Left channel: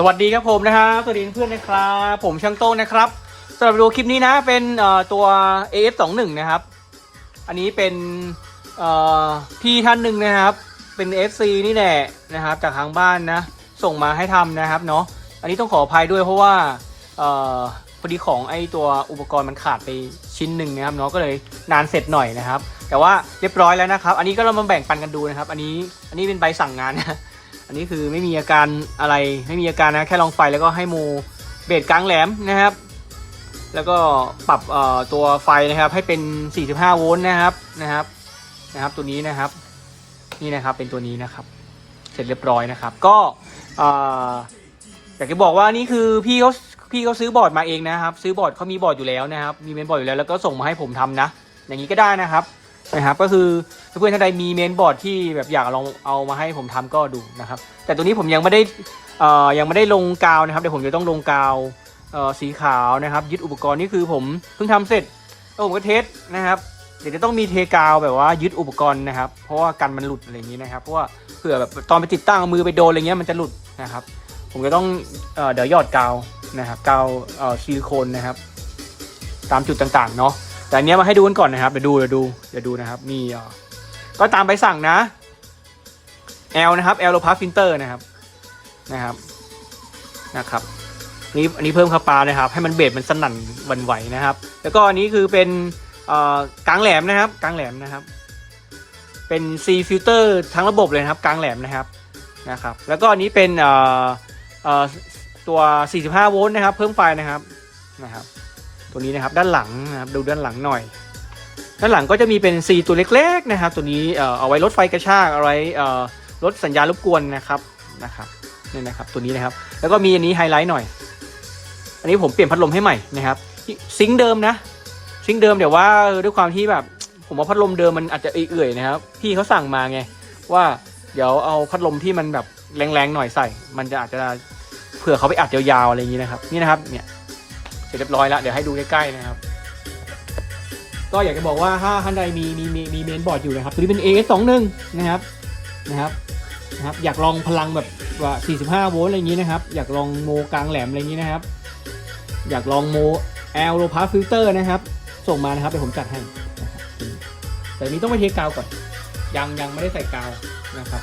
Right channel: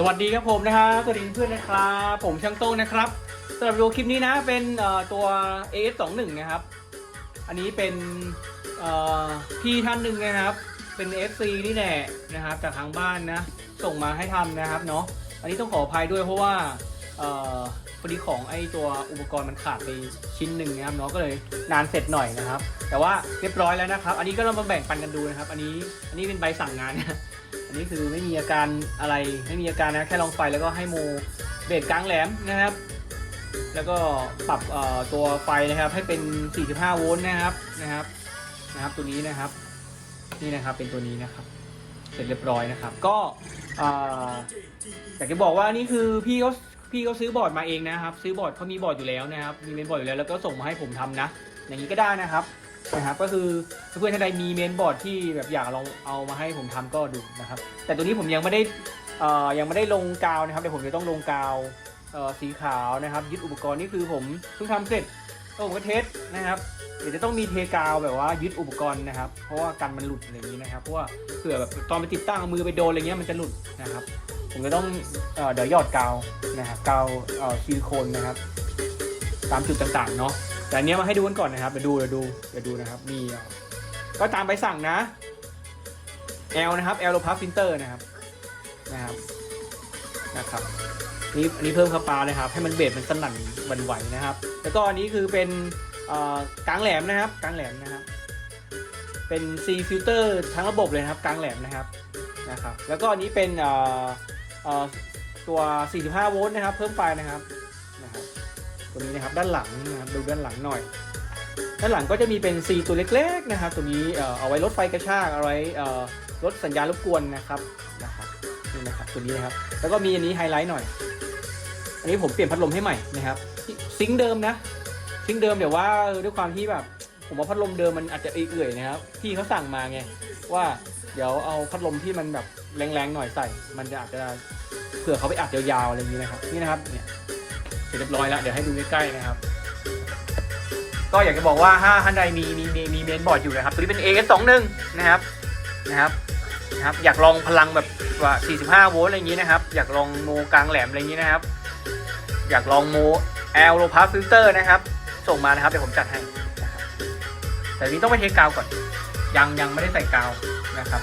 สวัสดีครับผมนะฮะสวัสดีเพื่อนๆนะครับผมช่างโต้งนะครับสำหรับดูคลิปนี้นะเป็นเอ่อตัว AS21 นะครับ อันนี้เป็นพี่ท่านหนึ่งนะครับ เป็น FC นี่แหละนะครับ จากทางบ้านนะส่งมาให้ทำนะครับเนาะอันนี้ต้องขออภัยด้วยเพราะว่าพอดีของไอตัวอุปกรณ์มันขาดไปชิ้นหนึ่งนะครับเนาะก็เลยนานเสร็จหน่อยนะครับ แต่ว่าเรียบร้อยแล้วนะครับ อันนี้ก็เรามาแบ่งปันกันดูนะครับ อันนี้อันนี้เป็นใบสั่งงานนะอันนี้คือไม่มีอาการอะไรไม่มีอาการนะแค่ลองไฟแล้วก็ให้โมเบสกลางแหลมนะครับ แล้วก็ปรับตัวไฟนะครับ ให้เป็น 45 โวลต์นะครับนะครับนะครับ ตัวนี้นะครับ นี่นะครับเป็นตัวนี้นะครับ เสร็จเรียบร้อยนะครับ ก็เอ่ออยากจะบอกว่านี่คือพี่เขาพี่เขาซื้อบอร์ดมาเองนะครับ ซื้อบอร์ดเขามีบอร์ดอยู่แล้วนะครับ มีเมนบอร์ดอยู่แล้วแล้วก็ส่งมาให้ผมทำนะ อย่างนี้ก็ได้นะครับ นะครับก็คือเพื่อนท่านใดมีเมนบอร์ดที่แบบอยากลองเอามาให้ผมทำก็ดูนะครับ แต่ตัวนี้ผมยังไม่ได้อ่อยังไม่ได้ลงกาวนะครับเดี๋ยวผมจะต้องลงกาวสีขาวนะครับ ยึดอุปกรณ์นี่คือผมเพิ่งทำเสร็จแล้วผมก็เทสนะครับเดี๋ยวจะต้องมีเทกาวแบบว่ายึดอุปกรณ์นะครับ เพราะว่ากันมันหลุดอะไรอย่างนี้นะครับเพราะว่าเผื่อแบบตอนไปติดตั้งมือไปโดนอะไรเงี้ยมันจะหลุดนะครับ ผมจะต้องเอเดี๋ยวยอดกาวนะครับกาวซิลิโคนนะครับ ตามจุดต่างๆเนาะ แต่อันเนี้ยมาให้ดูกันก่อนนะครับเดี๋ยวดูเดี๋ยวดูเดี๋ยวดูนะครับนี่อ่อก็ตามไปสั่งนะ L นะครับ L โลพาฟิลเตอร์นะครับนะครับนะครับนี่อันนี้เพิ่มคาปานะครับ ให้มันเบสมันสนั่นวันไหวนะครับ แล้วก็อันนี้คือเป็นกลางแหลมนะครับกลางแหลมนะครับ เป็น C filter ทั้งระบบเลยนะครับกลางแหลมนะครับนะครับ แล้วก็อันนี้เป็นตัว 45 โวลต์นะครับ เพิ่มไฟนะครับนะครับ ตัวนี้นะครับด้านหลังนะครับดูด้านหลังหน่อย ด้านหลังก็จะมีเป็น C ตัวเล็กๆนะครับ ตัวนี้เอาไว้ลดไฟกระชากเอาไว้ลดสัญญาณรบกวนนะครับนะครับนี่นะครับตัวนี้นะครับ แล้วก็มีอันนี้ไฮไลท์หน่อย อันนี้ผมเปลี่ยนพัดลมให้ใหม่นะครับซิงเดิมนะซิงเดิมเดี๋ยวว่าด้วยความที่แบบผมว่าพัดลมเดิมมันอาจจะเอื่อยๆนะครับ พี่เขาสั่งมาไงว่าเดี๋ยวเอาพัดลมที่มันแบบแรงๆหน่อยใส่ มันจะอาจจะเผื่อเขาไปอัดยาวๆอะไรอย่างนี้นะครับ นี่นะครับเนี่ย เสร็จเรียบร้อยแล้วเดี๋ยวให้ดูใกล้ๆนะครับ ก็อยากจะบอกว่าถ้าท่านใดมีมีมีมีเมนบอร์ดอยู่นะครับตัวนี้เป็น AS21 นะครับนะครับนะครับ อยากลองพลังแบบว่า45โวลต์อะไรอย่างนี้นะครับ อยากลองโมกลางแหลมอะไรอย่างนี้นะครับ อยากลองโมแอลโลพาฟิลเตอร์นะครับ ส่งมานะครับเดี๋ยวผมจัดให้แต่นนี้ต้องไปเทกาวก่อน ยังยังไม่ได้ใส่กาวนะครับ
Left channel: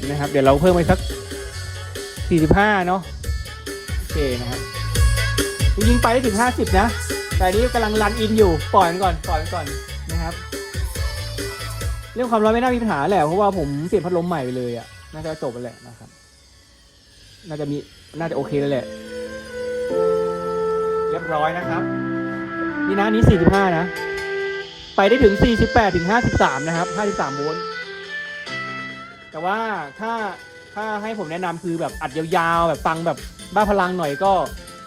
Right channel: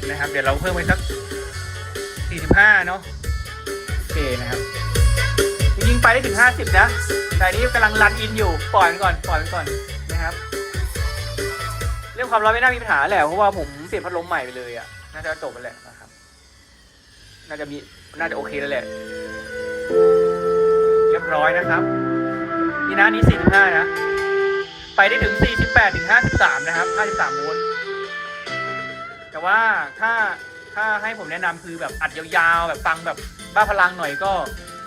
41นะครับ เดี๋ยวเราเพิ่มไปสัก 45 เนาะโอเคนะครับจริงไปได้ถึง 50 นะแต่นี้กำลังรันอินอยู่ปล่อยมันก่อนปล่อยมันก่อนนะครับเรื่องความร้อนไม่น่ามีปัญหาแหละเพราะว่าผมเปลี่ยพัดลมใหม่ไปเลยอะน่าจะจบไปแหละนะครับ น่าจะมีน่าจะโอเคแล้วแหละเรียบร้อยนะครับ นี่นะนี้ 45 นะ ไปได้ถึง 48 ถึง 53 นะครับ 53โวลต์ ว่าถ้าถ้าให้ผมแนะนำคือแบบอัดยาวๆ แบบฟังแบบบ้าพลังหน่อยก็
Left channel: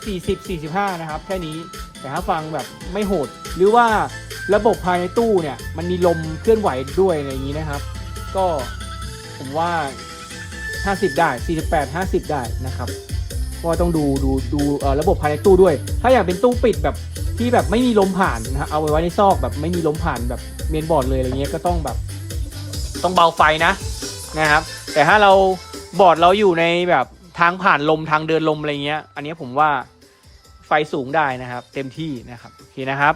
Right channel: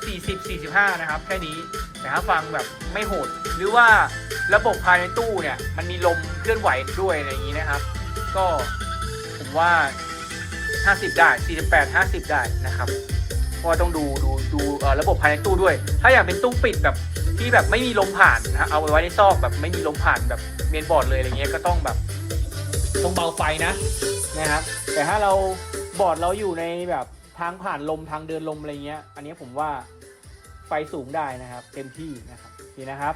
40 45 นะครับ แค่นี้ แต่ถ้าฟังแบบไม่โหด หรือว่าระบบภายในตู้เนี่ย มันมีลมเคลื่อนไหวด้วยอะไรอย่างนี้นะครับ ก็ผมว่า 50 ได้ 48 50 ได้นะครับ ก็ต้องดูดูดูเอ่อระบบภายในตู้ด้วย ถ้าอยากเป็นตู้ปิดแบบที่แบบไม่มีลมผ่านนะครับ เอาไว้ไว้ในซอกแบบไม่มีลมผ่านแบบเมนบอร์ดเลยอะไรเงี้ยก็ต้องแบบ ต้องเบาไฟนะ นะครับ แต่ถ้าเราบอร์ดเราอยู่ในแบบทางผ่านลมทางเดินลมอะไรเงี้ย อันนี้ผมว่าไฟสูงได้นะครับ เต็มที่นะครับโอเคนะครับ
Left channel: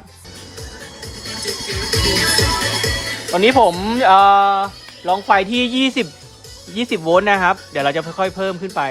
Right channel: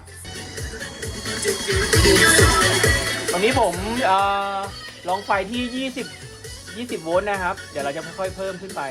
ตอนนี้ผมเอ่อลองไฟที่ 20 20 โวลต์นะครับ เดี๋ยวเราจะค่อยๆเพิ่มขึ้นไป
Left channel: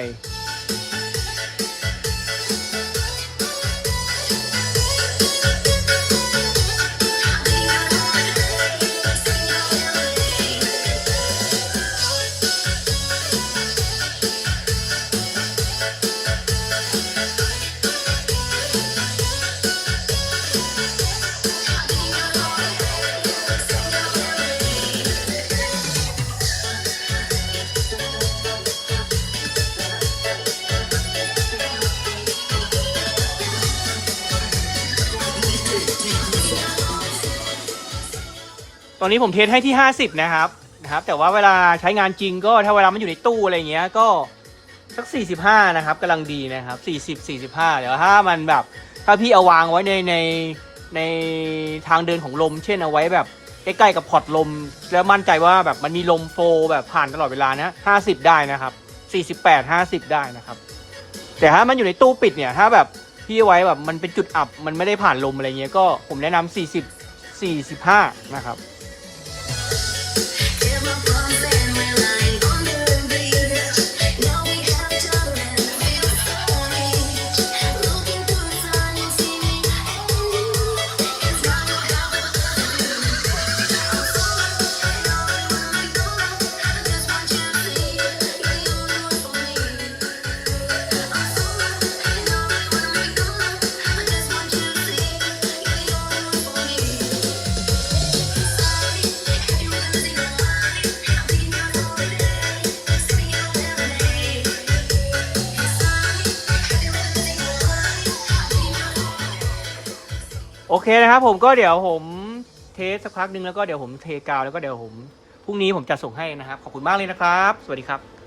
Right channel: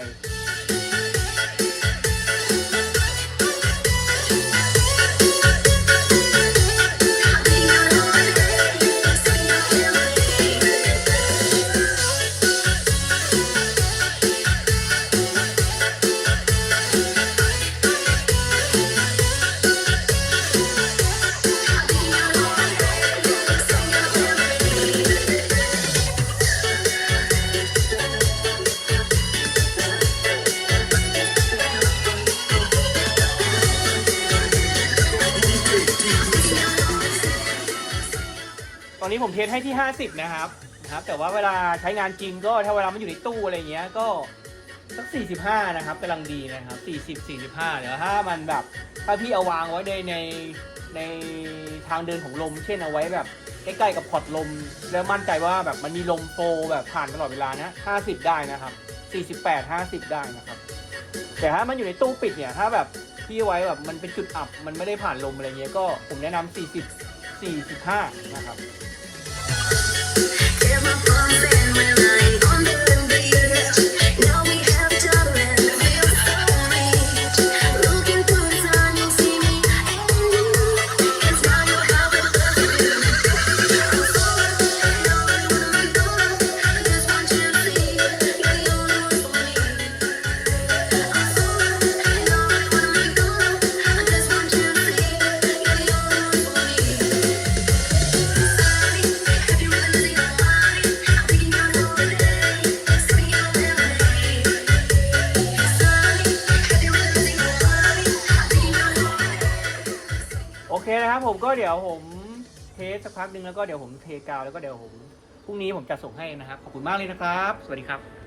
ตอนนี้ผมเทสให้ที่ 50 นะครับนะครับ แต่ว่าเวลาใช้งานจริงก็ถ้าเวลามันอยู่ในตู้อะไรเงี้ยก็สัก 45 นะครับกำลังดีนะครับ 40 45 เดี๋ยวถ้ามันแบบ ถ้าพี่เอาวางไว้ในในในทางเดินของลม เช่นเอาไว้แบบใกล้ๆกับพอร์ตลม แล้วมั่นใจว่าแบบมันมีลมโฟลแบบผ่านตลอดเวลานะ50 ได้นะครับ 48 50 ได้นะครับ แต่ถ้ามันอยู่ในตู้ปิดเนี่ยถ้าแบบพี่เอาไว้แบบมันเป็นจุดอับมันไม่ได้ผ่านลมอะไรเงี้ยก็ผมแนะนำ40 45 นะครับ โอเคนะครับผมก็เดี๋ยวผมเทสสักพักหนึ่งแล้วก็เดี๋ยวผมเทกาวแล้วก็เดี๋ยวผมพรุ่งนี้ผมจะส่งให้นะครับ ขอบคุณมากเลยนะครับ สวัสดีครับ